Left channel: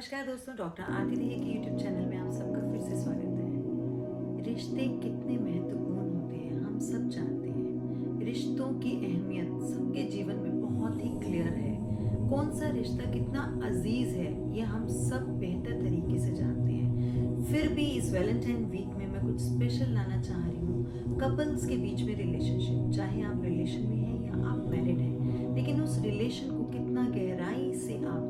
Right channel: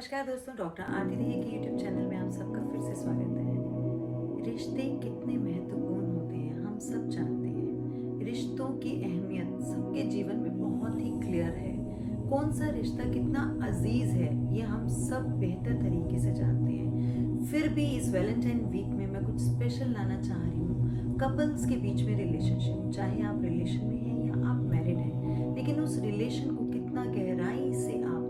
नमस्कार दोस्तों, डॉक्टर आरती दहिया के यूट्यूब चैनल में आप सबका फिर से स्वागत है। रिश्ते कितने महत्वपूर्ण होते हैं हम सब जानते हैं। रिश्तों की अहमियत सबके जीवन में बहुत ही क्लियर है। कौन सा रिश्ता कितना अजीज है ये हम सब बेहतर तरीके से जानते हैं। फिर भी इस वैलेंटाइन वीक में मैं कुछ स्पेशल लाना चाह रही हूँ। कपल्स के बीच में रिलेशनशिप, चाहे आप रिलेशन में हैं या आप मैरिड हैं, लेकिन उस रिलेशन को कितना गहराई से आपको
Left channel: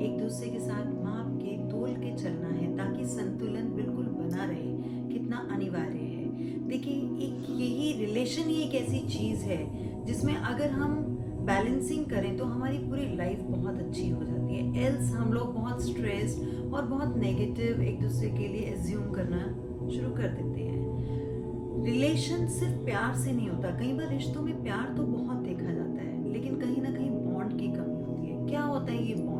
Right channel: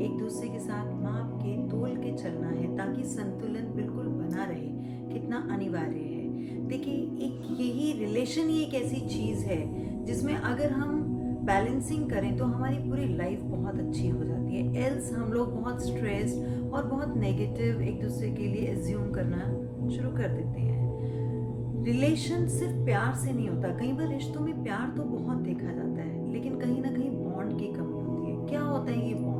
एक दूसरे के साथ माप के तोल के चलना है ताकि संतुलन बिल्कुल बना रहे, कितना अनिवार्य है। देखिए, एक यही रिलेशन ही एक ऐसी चीज है जिसमें अगर हम बैलेंसिंग करें तो हमारी पूरी लाइफ बहुत अच्छी हो जाती है। एल्स हम लोग बहुत स्ट्रेस्ड और बहुत नेगेटिव एक दूसरे के लिए एज्यूम करना शुरू कर देते हैं। रिलेशन सिर्फ प्यार से नहीं होता। कई बार रिश्तों में प्यार तो बहुत देखा जाता है, लेकिन कहीं ना कहीं बॉन्ड की कमी होती है। क्या होता है ये बॉन्ड?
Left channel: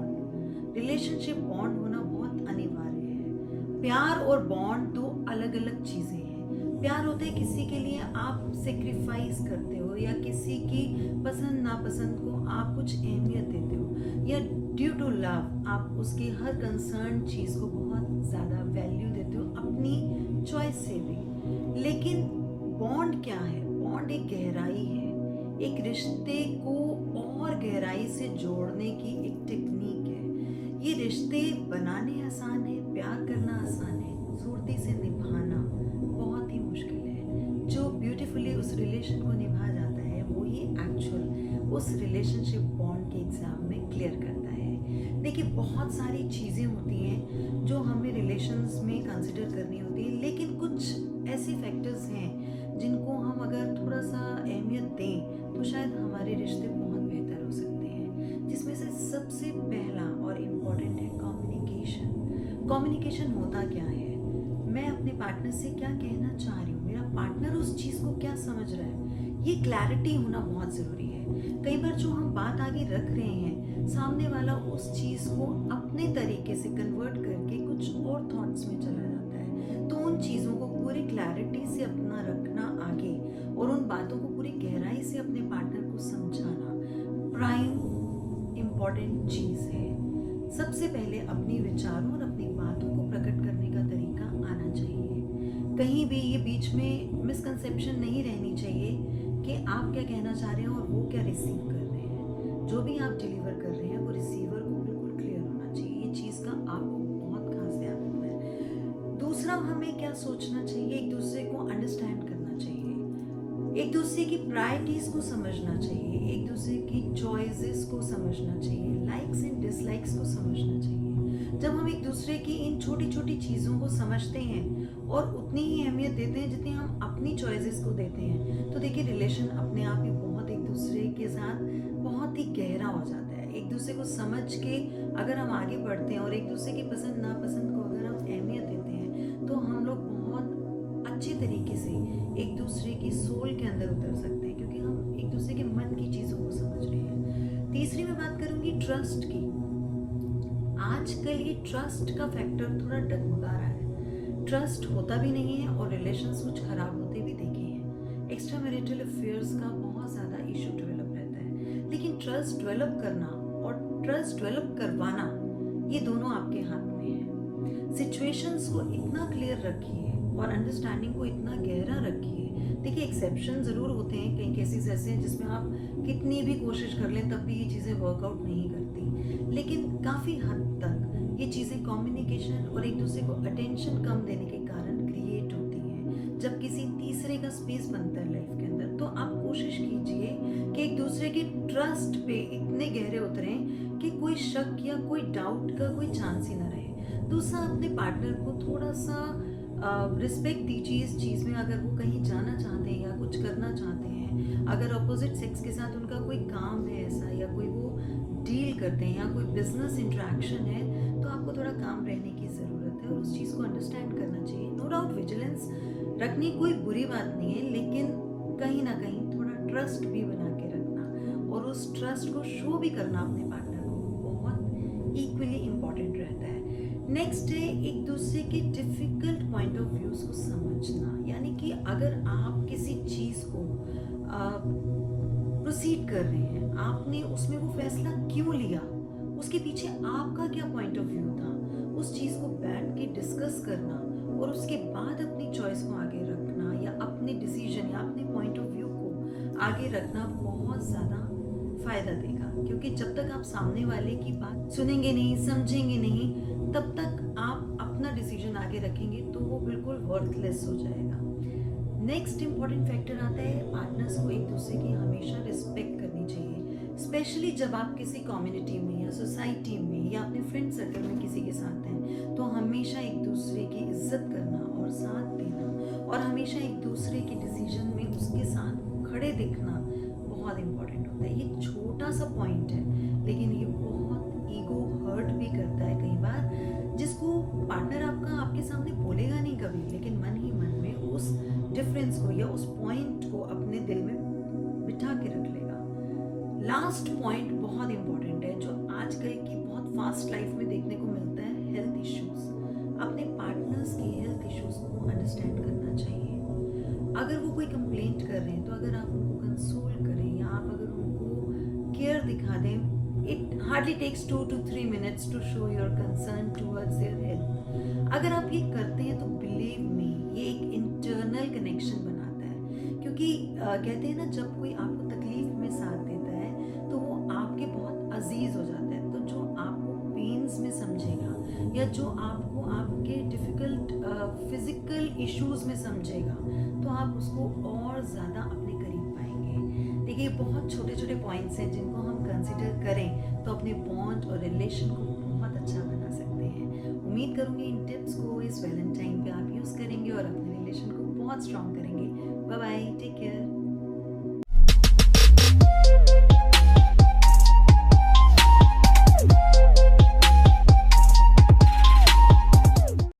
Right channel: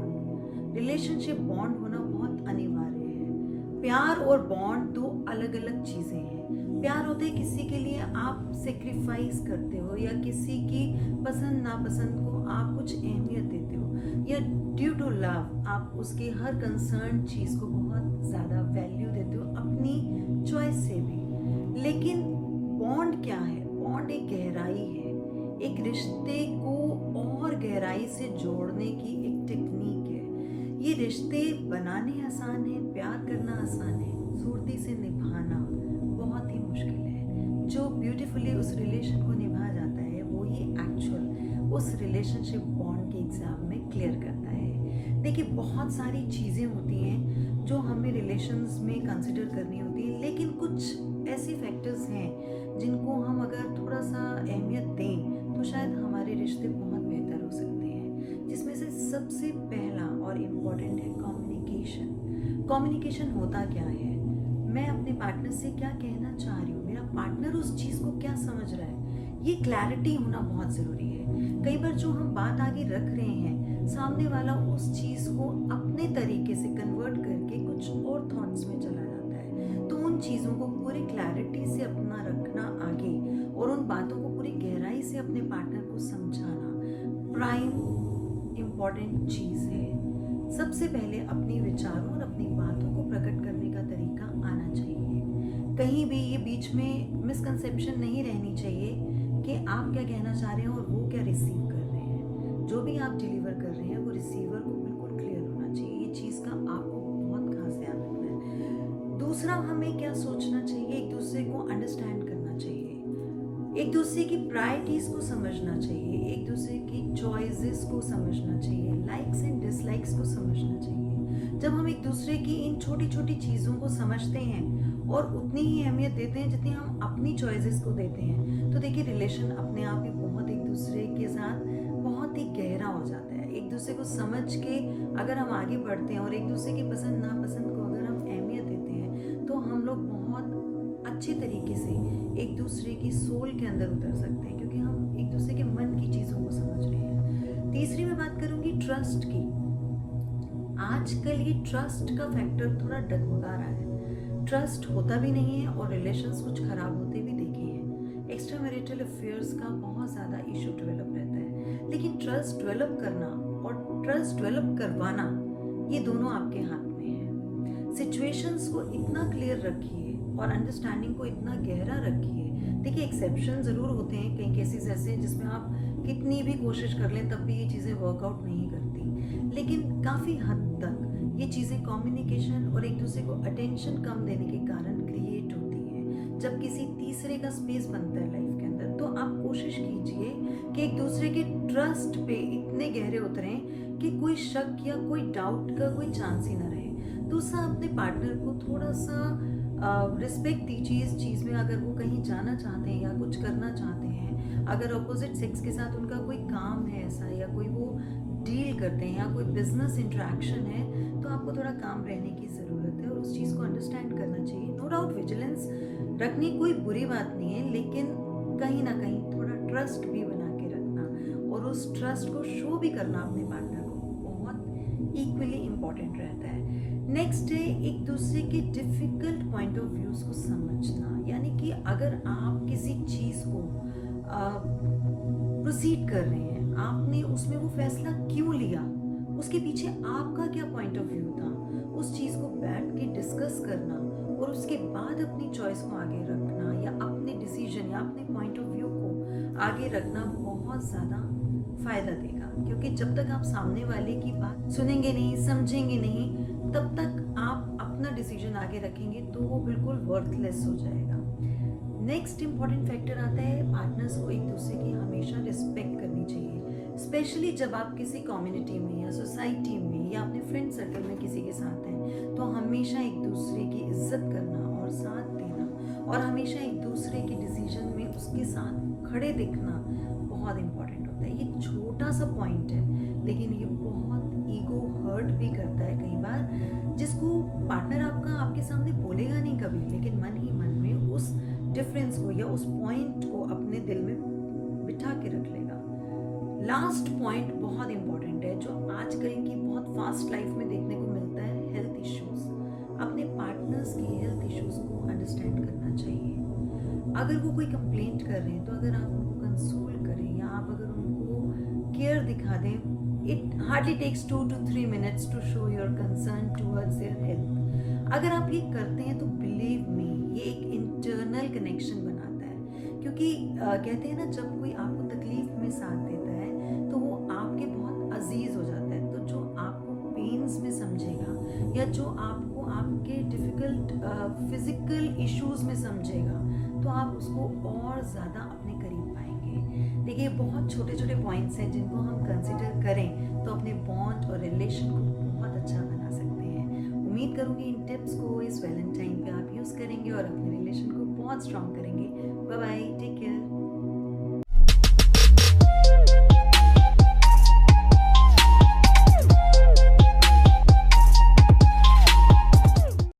रिलेशनशिप बॉन्ड होना बहुत अनिवार्य है। प्यार और बॉन्ड दो अलग अलग चीजें हैं। प्यार होता है किसी के लिए आप सेक्रीफाइस करते हो, या किसी की पसंद नापसंद को आप कुछ अहमियत देते हो, या ड्यू टू लव आप उसकी हर कंसर्न चीज को बहुत ज्यादा वैल्यू देते हो, अपनी चॉइस से भी। लेकिन बॉन्ड क्या है? बॉन्ड एक गहराई है, एक रिश्ते को और गहराई से जोड़ने की एक टेक्निक है। ये रिश्ते बनाने आसान है, प्यार करना आसान है, सूरती से निभाना बहुत ही मुश्किल है। जो ब्यूटीफुली उस रिलेशन को निभा जाता है वो ही एक्चुअल उस रिलेशनशिप बॉन्ड के एग्जाम में क्लियर करता है। देखिए, बहुत सारी चीज़ें होती हैं जो हमें रिलेशंस में कंसिडर करनी होती है, लेकिन कुछ ऐसे फैक्टर्स हैं जिनको हम अगर थोड़ा सा अहमियत दें तो शायद हमारे रिश्ते बहुत बेहतर हो सकते हैं। जिसमें से सबसे पहला और इम्पोर्टेंट है कम्युनिकेशन। कम्युनिकेशन होता क्या है? मैं अपने पार्टनर से क्या कहना चाह रही हूँ, मेरा पार्टनर उस चीज़ को क्या समझ रहा है, ये क्लैरिटी होना बहुत ज़रूरी है। कई बार जो हम बात आगे रख रहे हैं, सामने वाला उस चीज़ को अपने तरीके से कन्वर्ट करके कुछ और थॉट्स में चला जाता है। तो उन चीज़ों को पूरी क्लैरिटी से अपना रखना आगे, और उन बातों को पूरी गहराई से अपने पार्टनर को समझाना प्राइम इम्पॉर्टेंट चीज़ है। सबसे पहले अपने विचारों और अपनी बातों को प्रकट करने का तरीका आना चाहिए। कहीं भी ये बीच में मिसकंसेप्शन नहीं रहनी चाहिए कि आप क्या कहना चाह रहे हैं और वो क्या रिसीव कर रहे हैं। जो भी आप डिलीवर कर रहे हैं वो रिसीवर को बिल्कुल क्लियर होना चाहिए। ये चीज़ का आपको बहुत खास ध्यान रखना है। दूसरा, हमें क्या सोचना चाहिए? एक दूसरे को अंडरस्टैंड करना चाहिए, एक दूसरे की प्रायोरिटीज को समझना चाहिए, एक दूसरे की चॉइसेस को समझना चाहिए, लाइक्स एंड डिसलाइक्स को समझना चाहिए। जब हम एक दूसरे की इन छोटी छोटी चीज़ों को समझते हैं और उतनी ही अहमियत देते हैं जितनी हम अपनी चॉइसेस को देते हैं, तो देखिए रिलेशन अपने आप ही बहुत एक दूसरे के साथ बहुत ही गहरा हो जाता है। एक दूसरे को समझ के अगर हम आगे बढ़ते हैं और एक दूसरे की पसंद नापसंद को अगर हम अहमियत देते हैं, तो हम लोग बहुत अच्छे तरीके से एक दूसरे की सोल के अंदर उतर सकते हैं, क्योंकि हम एक दूसरे के मन की चीज़ों को समझ रहे हैं। तीसरी मैं बात करूंगी ट्रस्ट की। आजकल ये ट्रस्ट का फैक्टर थोड़ा डगमगा रहा है। ट्रस्ट होता भी नहीं है और रिलेशंस कुछ खराब होते भी देखे हैं। एक्स्ट्रा मैरिटल अफेयर्स का बहुत ज़्यादा इशू डेवलप रहता है, लेकिन ट्रस्ट डेवलप करना और ट्रस्ट डेवलप करवाना ये दोनों आपके हाथ में है। सिचुएशंस को इतना क्लियर रखिए और अंडरस्टैंडिंग को इतना गहरा रखिए। देखिए, एक्सेप्शन ज़रूर होते हैं, कई केसेस ऐसे हैं जिसमें आप कितनी भी कोशिश कर लें तब भी ये चीज़ें वर्कआउट नहीं करती, लेकिन काफ़ी हद तक ये चीज़ें कम्युनिकेशन और एक दूसरे को अटेंशन कम देने के कारण क्रिएट होती हैं। जब किसी तीसरे का स्पेस बनता है लाइफ के अंदर, तो आप कोशिश कीजिए कि एक दूसरे के ट्रस्ट पे इतने गहरे उतरें कि कोई शक या कोई डाउट का कोई चांस ही ना रहे। दूसरा, अपने पार्टनर को थोड़ा सा रिस्पेक्ट दीजिए इस चीज़ में। अगर वो कहीं जाना चाहते हैं या कुछ करना चाहते हैं, अगर अपोजिट सेक्स के साथ उनका कोई काम है ऐसा, या कोई वो डील करते हैं या कोई बिजनेस इंटरेक्शन है, तो आपको थोड़ा काम रहने की ज़रूरत है और उस चीज़ को अंडरस्टैंड करना चाहिए। नो डाउट विजिलेंस रखनी कोई बुरी बात नहीं है, लेकिन कहीं ना कहीं थोड़ा ट्रस्ट भी बना के रखना और उस ट्रस्ट को शो भी करना अपने पार्टनर को बहुत इक्वली इम्पॉर्टेंट रहता है। नेक्स्ट है एक दूसरे के डिफिकल्ट पॉइंट ऑफ व्यूज को समझना। यानी कि अगर आप किसी चीज़ को प्रोसीड कर रहे हैं, आपने उसमें वो फैसला क्यों लिया, उसके पीछे आपका क्या पॉइंट ऑफ व्यू था, उस चीज़ को बैठ के डिस्कस करना और उसके बाद अपनी चॉइस को आगे रखना या अपने डिसीजन या अपने पॉइंट ऑफ व्यू को आगे रखना बहुत ज़्यादा फ़ायदा देगा। क्योंकि जब तक आप सामने वाले की बात सुनेंगे नहीं, समझेंगे नहीं, तब तक आप अपना डिसीजन आगे रखेंगे तो वो बिल्कुल वर्थलेस हो जाएगा। नेक्स्ट इम्पॉर्टेंट फैक्टर आता है, पार्टनर्स को एक दूसरे की हमेशा रिस्पेक्ट करनी चाहिए। स्पेशली जब आप किसी कम्युनिटी में या सोसाइटी में या अपने फ्रेंड सर्कल में किसी के साथ हैं, तो हमेशा एक दूसरे की इज्जत करना और साथ देना और हमेशा एक दूसरे के डिसीजन में उसके साथ खड़े दिखना बहुत इम्पॉर्टेंट होता है। ये छोटा सा पॉइंट है, लेकिन ये बहुत ईगो हर्ट भी करता है कई बार, जिसको पार्टनर आपका आपके सामने बोलेगा नहीं कभी, लेकिन मन ही मन में उस डिफरेंस को या उस पॉइंट को अपने दिल में बिठा के रख लेगा। लास्ट पॉइंट बहुत इंपॉर्टेंट है, जो आजकल की बहुत फास्ट लाइफ में देखने को मिलता है, हेल्थ इश्यूज। अपने पार्टनर्स की हेल्थ इश्यूज को अंडरस्टैंड करना चाहिए। अगर वो कोई कंप्लेंट कर रहे हैं तो अगर आप उनको कंसोल करें या आप अगर उनको केयर दिखा दें, it hardly takes 2 to 3 minutes to show your concern towards their health. अगर आप ये करते हैं तो बिलीव मी, ये एक इंटरनल कनेक्शन बनाता है। क्योंकि कहते हैं ना, जब कोई आपको तकलीफ में साथ देता है तो वो आपके बहुत अजीज हो जाता है। तो जो आपको पेन्स में समझेगा या जो आपको आपके डिफ़िकल्ट फिजिकल इश्यूज में समझेगा, तो आप उसको और ज़्यादा अपने करीब पाएंगे। देखिए, बहुत छोटे छोटे पॉइंट्स हैं जिनको हम कंसिडर करें तो अपने बॉन्ड और रिलेशन को बहुत अच्छा बना सकते हैं। उम्मीद करूँगी इन टिप्स को इस वैलेंटाइन पे आप यूज़ करेंगे और अपने रिलेशन को बहुत स्ट्रॉन्ग करेंगे। Bye bye, take care.